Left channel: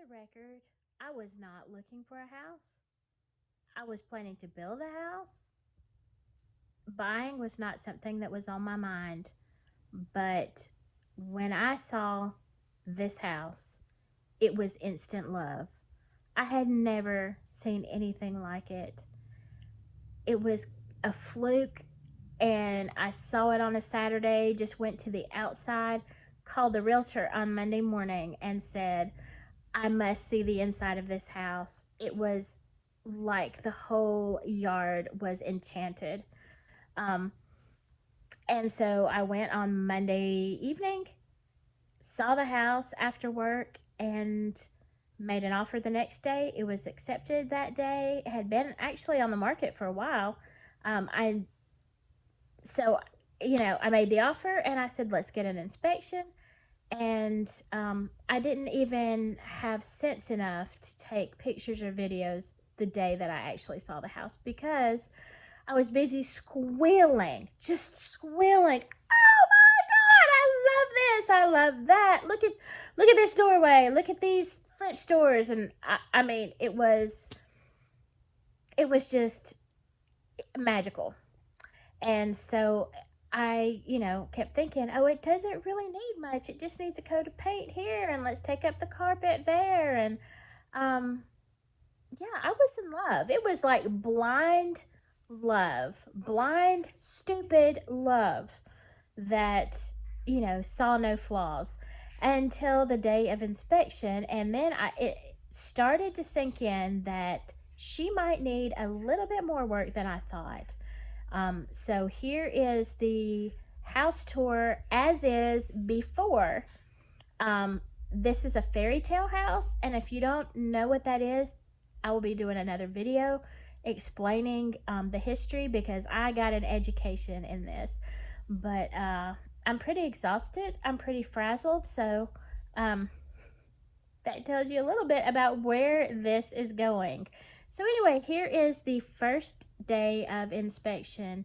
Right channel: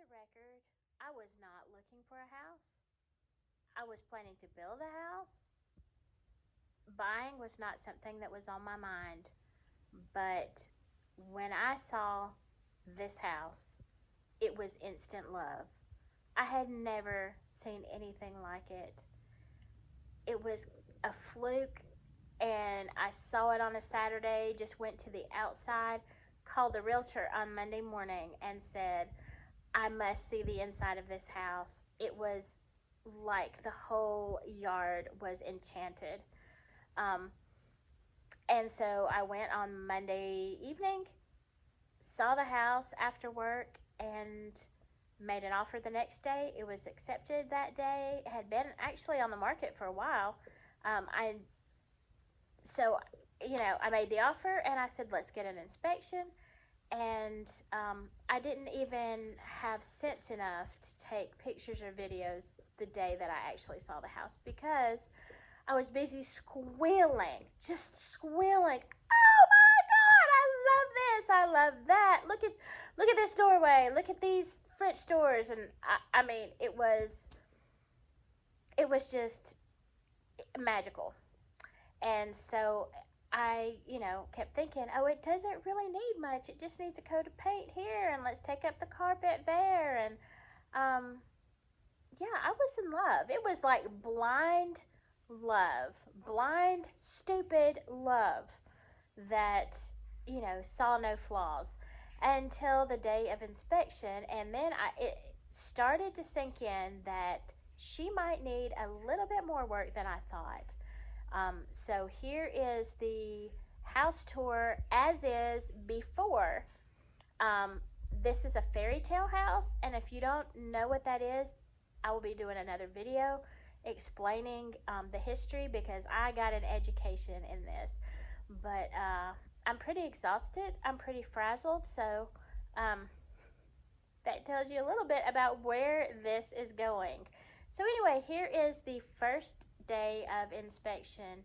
the record, I was not looking for a house. I was planning to build a house. Buying was not something that was on my mind. But when I saw this house, it was instant love. I had never seen anything like it. It was a fluke, and I saw it on a Saturday, just went to the outside, called the realtor on Monday morning and said, I must see the inside of this house. It was like the whole yard was enchanted. Um, and so I went on Monday evening, saw the house after work, and made an offer the next day. It was accepted that day. It had been actually on the market for a while. I so you know, I made the offer and I said, let's get an inspection. And I didn't even have sense enough to take pictures or videos the day that I actually saw the house, because I was busy squealing, just squealing. Oh my God, I love this. I love that. Look at this doorway. Look at these French doors. And I mean, it was just magical. And so I, kept thinking, oh, it doesn't really need much. It just needs a coat of paint here, and let's take up the carpet there. And yeah, I was in love. It was like blind love, blind, stupid love that, saw no flaws until the day of inspection. And then it started to sink in that she might need a little bit more work than I thought. So here is the house tour as is before. This is a Fairytale house, and if you don't know what that is, I will be doing another video explaining the history, because I got an education in this. But I'm pretty exhausted. I'm pretty frazzled. So that tells you a little bit about where this is going. So anyway, here is the first day of inspection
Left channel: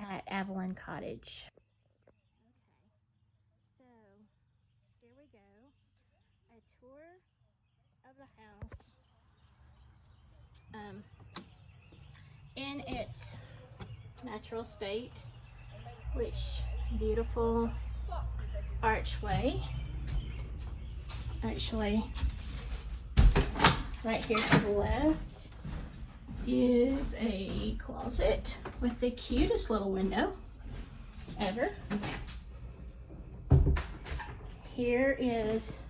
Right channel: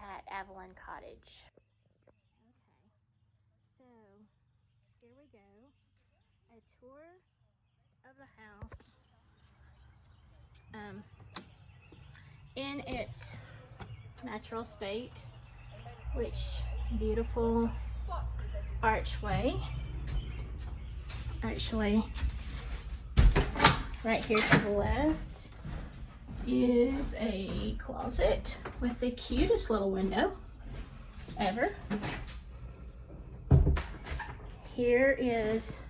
at Avalon Cottage. Okay, so here we go. A tour of the house. In its natural state, which beautiful archway. Actually, right here to the left is a closet with the cutest little window ever. Here is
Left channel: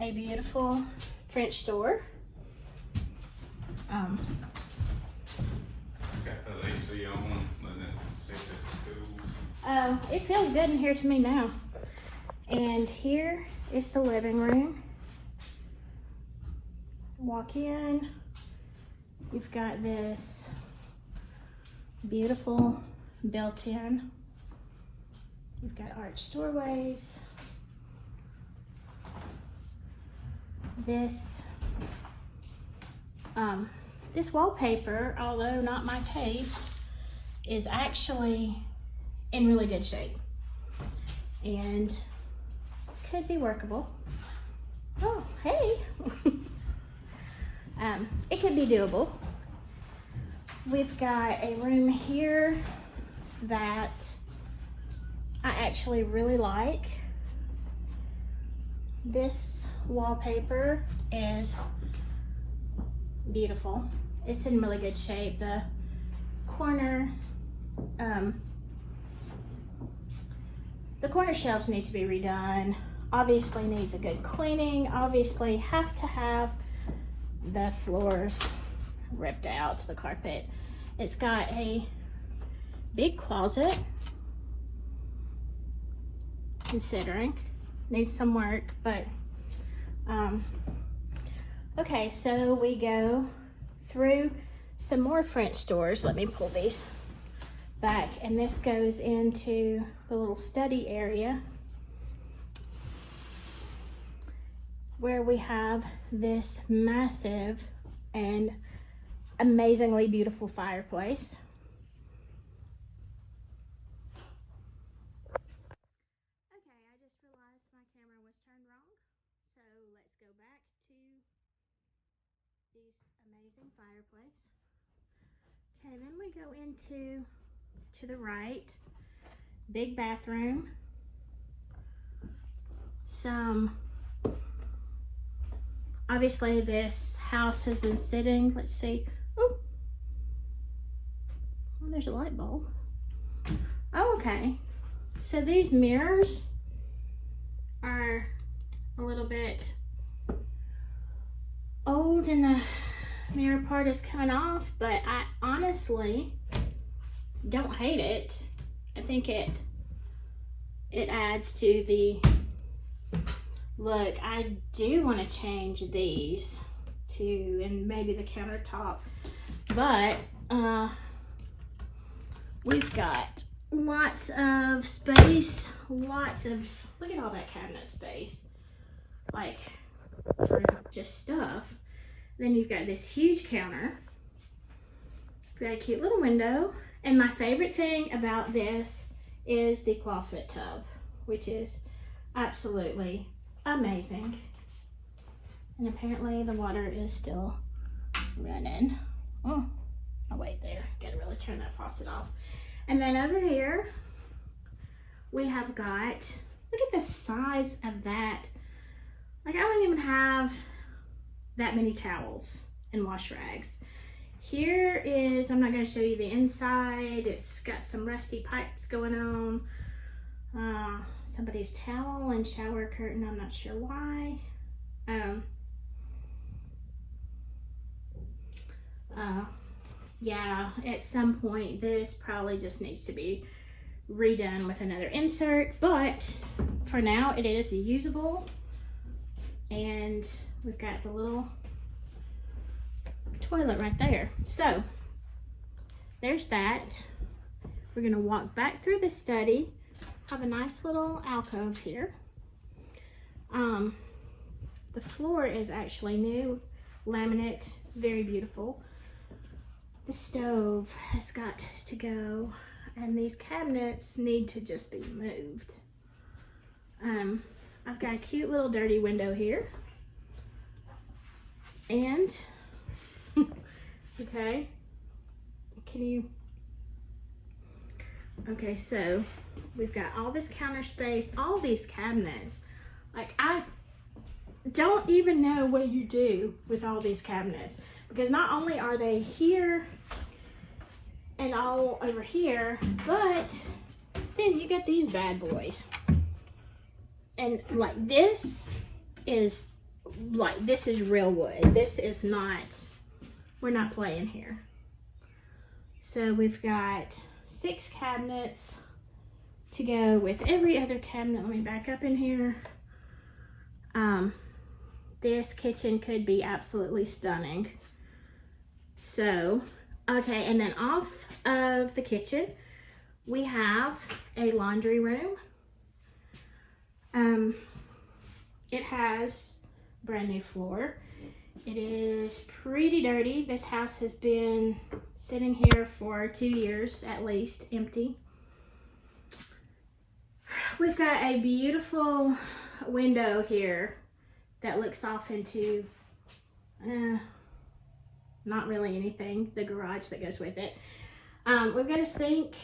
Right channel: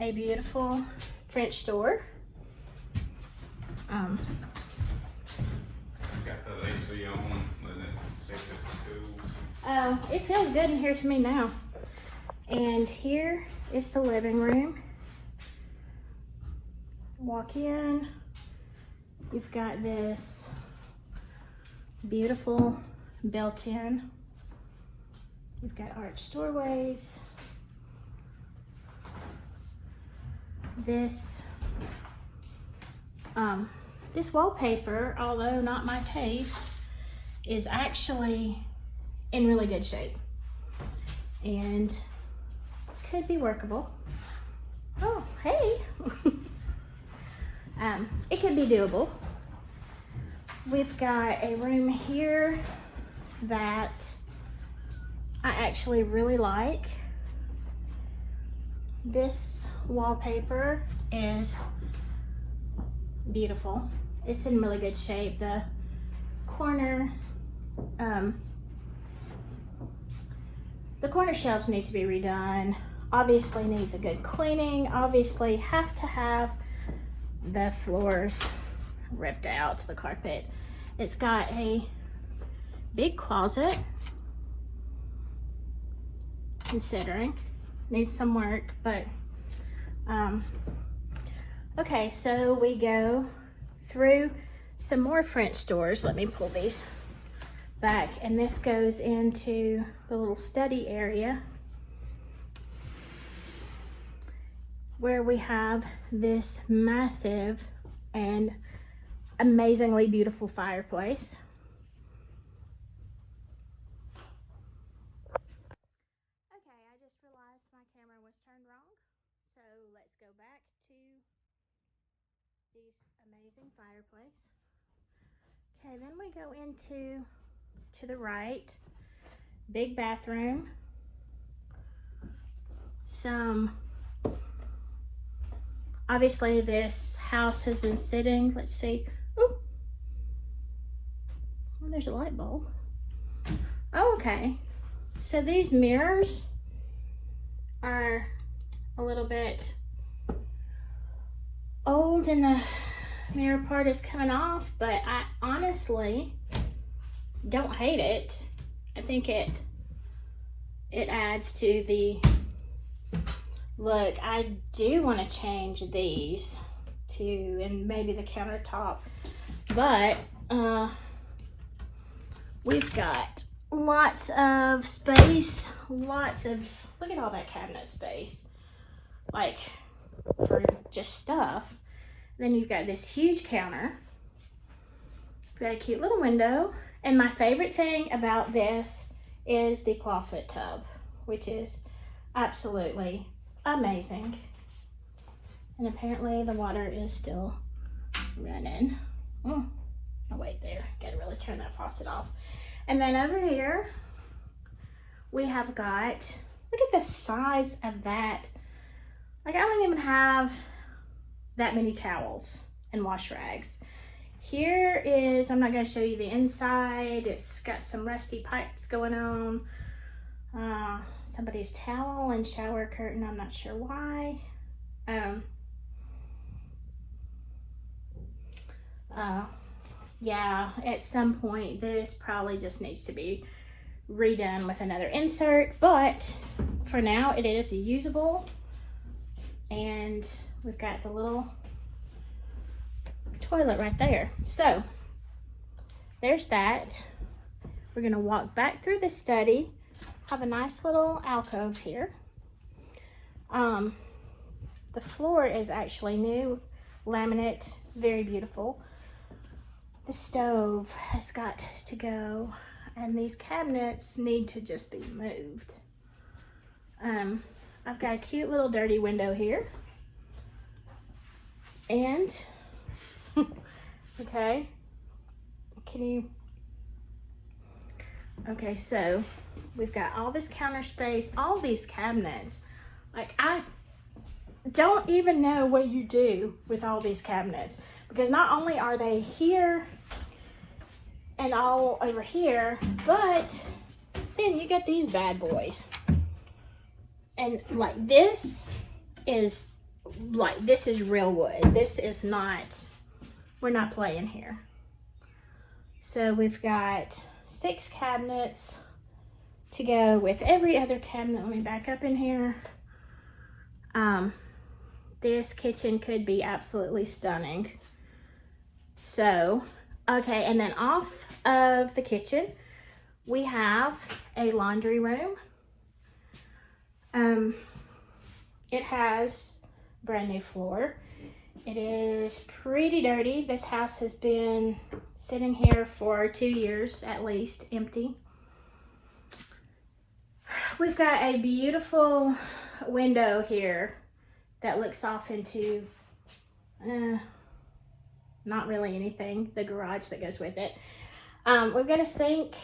a beautiful French door. Oh, it feels good in here to me now. And here is the living room. Walk in. You've got this beautiful built-in. You've got arched doorways. This wallpaper, although not my taste, is actually in really good shape and could be workable. Oh, hey. It could be doable. We've got a room here that I actually really like. This wallpaper is beautiful. It's in really good shape. The corner shelves need to be redone. Obviously needs a good cleaning. Obviously have to have the floors ripped out, the carpet. It's got a big closet, considering needs some work, but okay, so we go through some more French doors. Let me pull these back, and this goes into the little study area where we have this massive and amazingly beautiful fireplace. Okay, I just realized my camera was turned wrong, so let's go back this amazing fireplace. Okay, then we go into to the right, big bathroom. Obviously this house has been sitting, let's see. Oh, there's a light bulb. Oh, okay. So these mirrors are a little bit old and the mirror part is coming off, but I honestly don't hate it. I think it adds to the look. I do want to change these too, and maybe the countertop, but we've got lots of space, look at all that cabinet space, like for just stuff. Then you've got this huge counter. We've got a cute little window. And my favorite thing about this is the clawfoot tub, which is absolutely amazing. And apparently the water is still running. Oh wait, there, gotta really turn that faucet off. And then over here, we have got, look at the size of that. Like I don't even have that many towels and wash rags. Here is, I'm not gonna show you the inside. It's got some rusty pipes going on. Somebody's towel and shower curtain, I'm not sure why. Yeah, at some point this probably just needs to be redone with another insert, but for now it is usable. And we've got the little toilet right there. So there's that. We're gonna walk back through the study. Have a nice little alcove here. The floor is actually new, laminate, very beautiful. The stove has got to go, and these cabinets need to just be moved. I've got a cute little dirty window here. And, okay, okay, so we've got all this counter space, all these cabinets. Like, I don't even know what you do with all these cabinets, because not only are they here and all over here, but then you got these bad boys. And like this is real wood. This is not, we're not playing here. So we've got 6 cabinets to go with every other cabinet. Let me back up in here. This kitchen could be absolutely stunning. So, okay, and then off of the kitchen, we have a laundry room. It has brand new floor. It is pretty dirty. This house has been sitting here for 2 years at least, empty. We've got a beautiful window here that looks off into not really anything, the garage that goes with it. We've got a sink.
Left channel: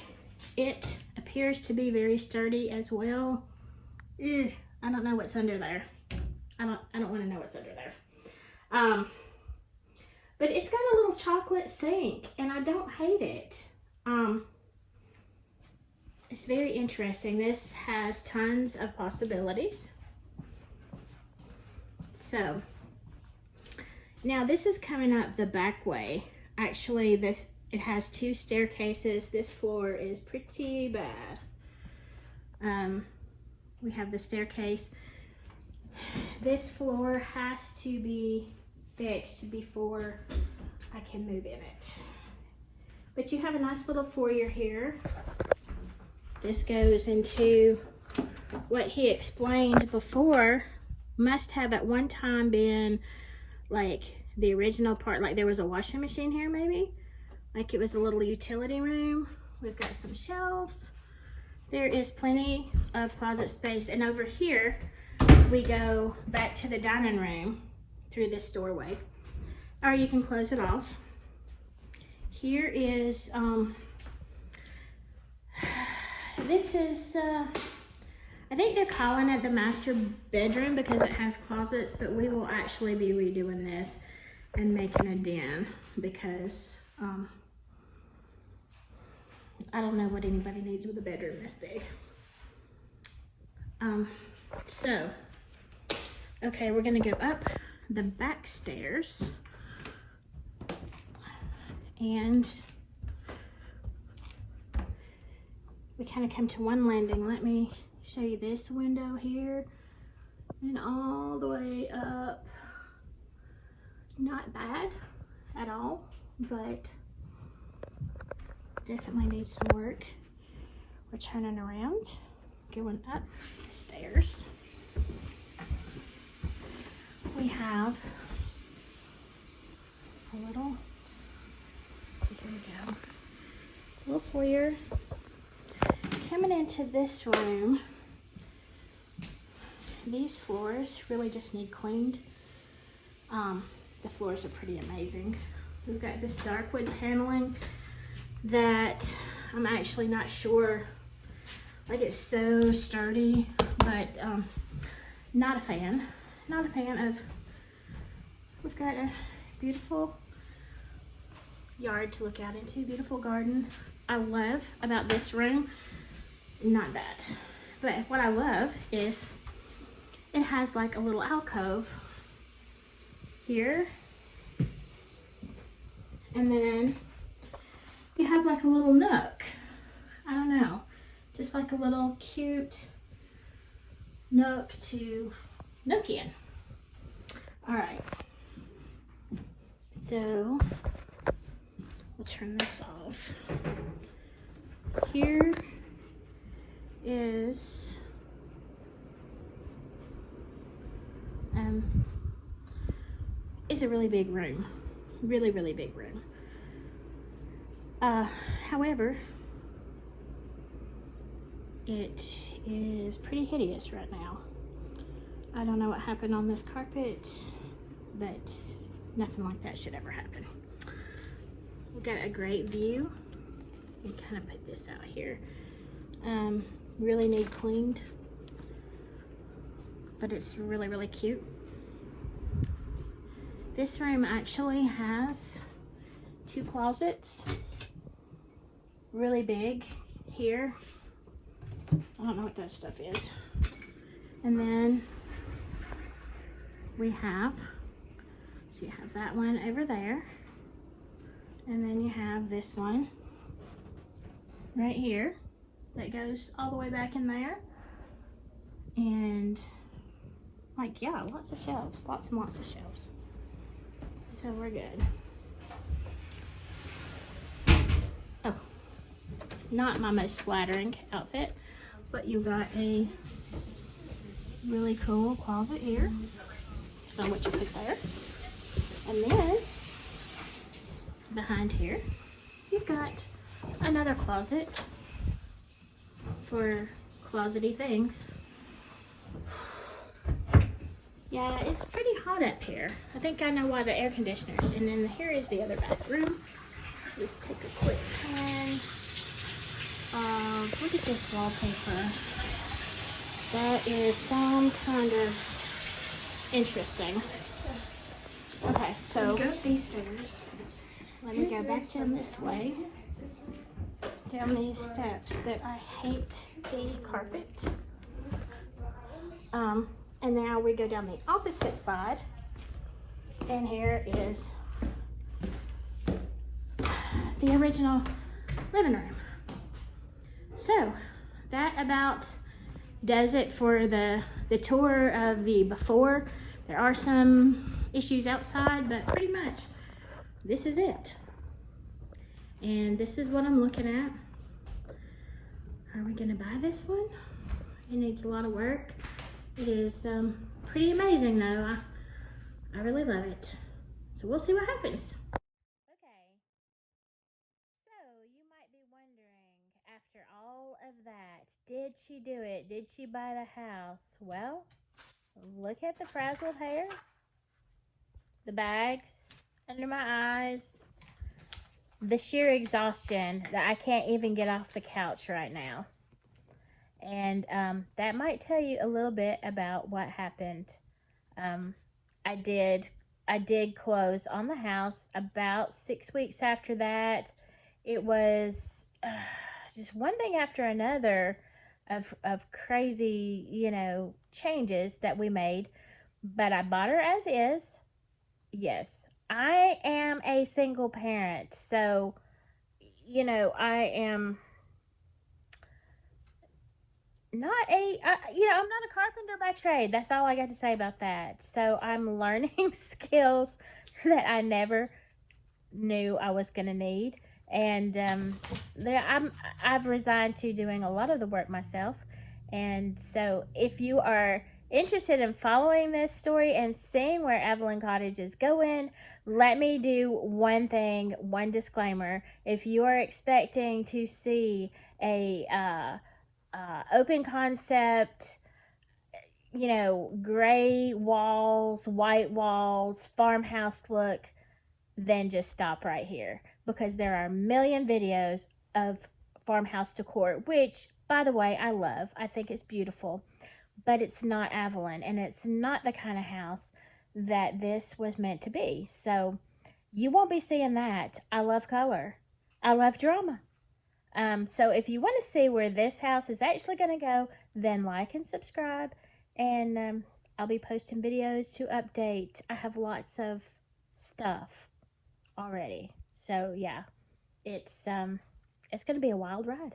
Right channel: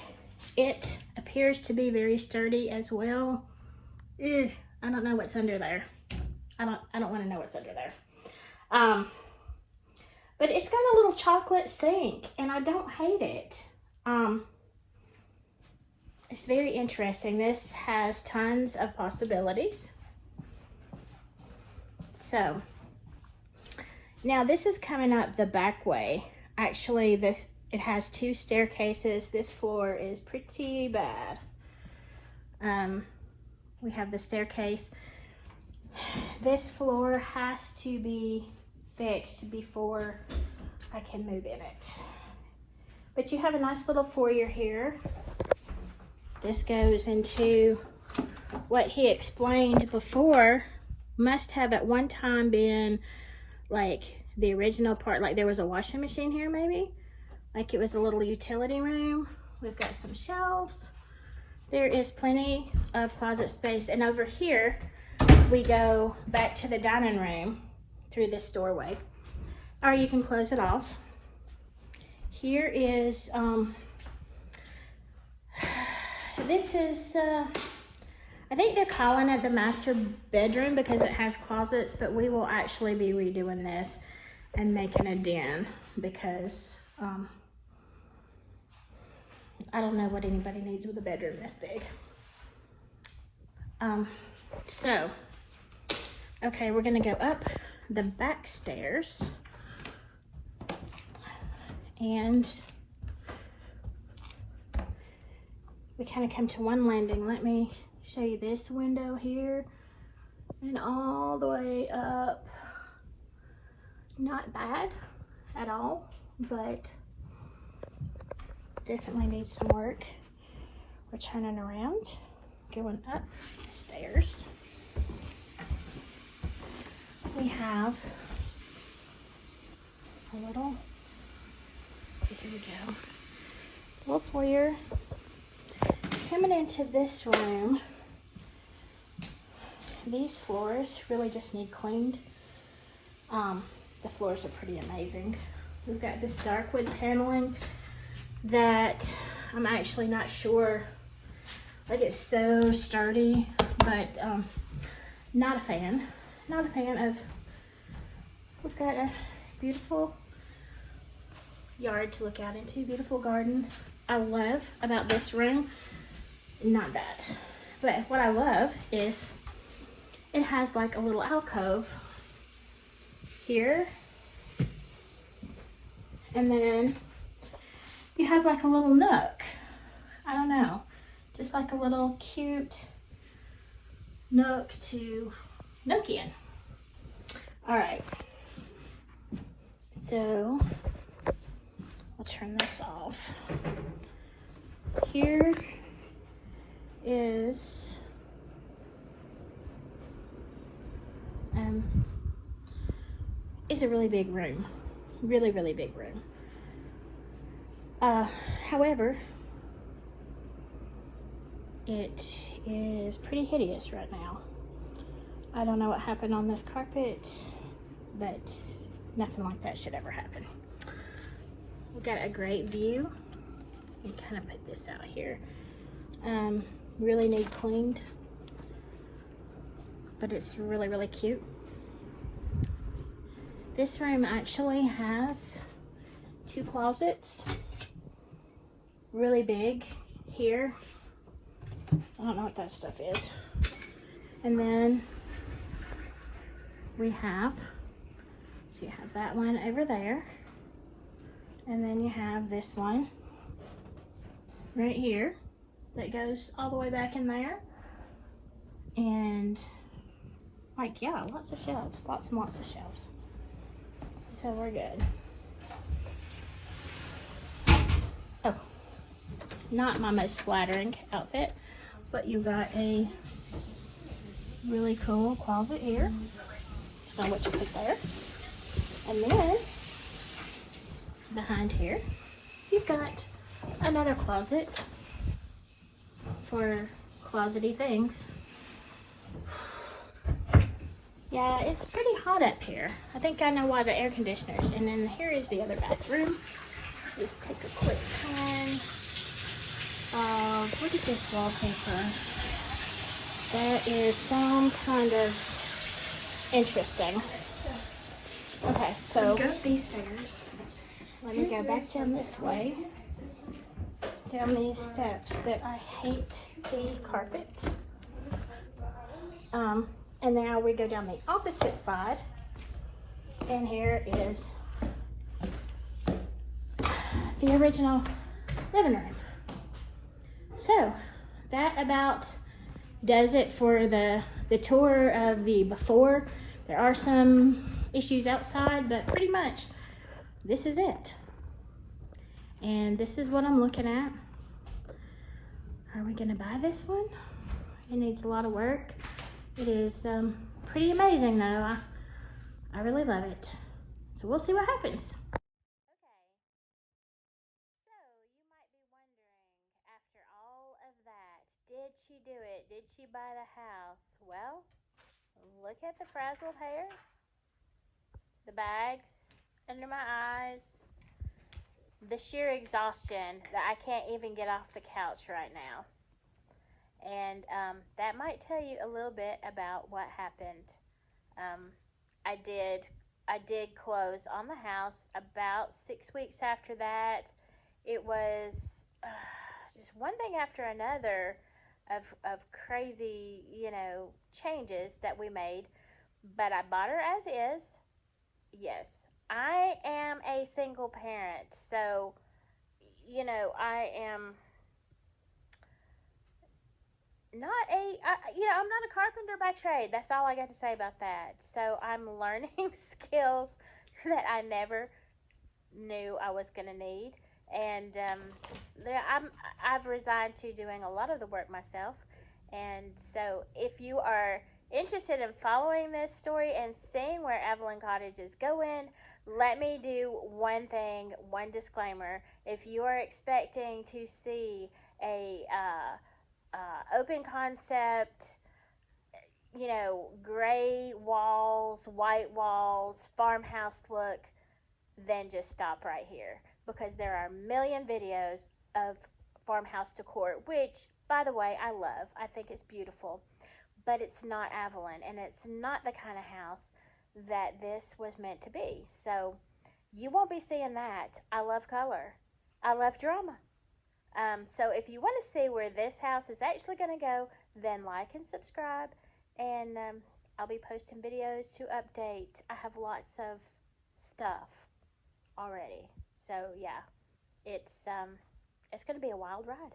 It appears to be very sturdy as well. Ugh, I don't know what's under there. I don't want to know what's under there. But it's got a little chocolate sink, and I don't hate it. It's very interesting. This has tons of possibilities. So now this is coming up the back way. Actually, it has 2 staircases. This floor is pretty bad. We have the staircase. This floor has to be fixed before I can move in it. But you have a nice little foyer here. This goes into what he explained before. Must have at one time been like the original part, like there was a washing machine here maybe. Like it was a little utility room. We've got some shelves. There is plenty of closet space. And over here, we go back to the dining room through this doorway. or you can close it off. Here is, this is, I think they're calling it the master bedroom because it has closets, but we will actually be redoing this and making a den because I don't know what anybody needs with a bedroom this big. So, okay, we're gonna go up the back stairs and we kind of come to one landing. Let me show you this window here and all the way up. Not bad at all, but definitely needs some work. We're turning around, going up the stairs. We have a little, let's see, here we go, little foyer. Coming into this room, these floors really just need cleaned. The floors are pretty amazing. We've got this dark wood paneling that I'm actually not sure, like it's so sturdy, but not a fan. Not a fan of, we've got a beautiful yard to look out into, beautiful garden. I love about this room, not that, but what I love is it has like a little alcove here, and then you have like a little nook. I don't know, just like a little cute nook to nook in. All right, so I'll turn this off. Here is a really big room, really big room. However, it is pretty hideous right now. I don't know what happened on this carpet, but nothing like that should ever happen. We've got a great view. And kind of put this out here. Really need cleaned, but it's really cute. This room actually has 2 closets, really big here. I don't know what that stuff is. And then we have, so you have that one over there, and then you have this one right here that goes all the way back in there. And like, yeah, lots of shelves, lots and lots of shelves. So we're good. Oh, not my most flattering outfit, but you got a really cool closet here. I don't know what you put there. And then behind here, you've got another closet for closety things. Yeah, it's pretty hot up here. I think I know why the air conditioners. And then here is the other bathroom. Just take a quick turn. Look at this wallpaper. That is some kind of interesting. Okay, so go up these stairs. Let me go back down this way. Down these steps that I hate the carpet. And now we go down the opposite side. And here is the original living room. So that about does it for the tour of the before. There are some issues outside, but pretty much this is it. And this is what I'm looking at. Are we gonna buy this one? It needs a lot of work. It is pretty amazing though. I really love it. So we'll see what happens. Okay. So you might be wondering, after all of that, did she do it? Did she buy the house? Well, look at the frazzled hair, the bags, under my eyes, the sheer exhaustion that I can't even get off the couch right now. And that might tell you a little bit about what happened. Um, I did I did close on the house about 6 weeks after that. It was just one thing after another of crazy, changes that we made. But I bought her as is. Yes, I am a single parent, so I am not I'm not a carpenter by trade. That's all I got to say about that. So I'm learning skills that I never knew I was going to need. And I've resigned to doing a lot of the work myself. And so if you are interested in following this story and seeing where Evelyn Cottage is going, let me do one thing, one disclaimer. If you are expecting to see a open concept, gray walls, white walls, farmhouse look, then just stop right here, because there are a million videos of farmhouse decor, which, by the way, I love. I think it's beautiful, but it's not Avalon, and it's not the kind of house that this was meant to be. So you won't be seeing that. I love color. I love drama. So if you want to see where this house is actually going to go, then like and subscribe, and I'll be posting videos to update. I have lots of stuff already. So yeah, it's going to be a wild ride.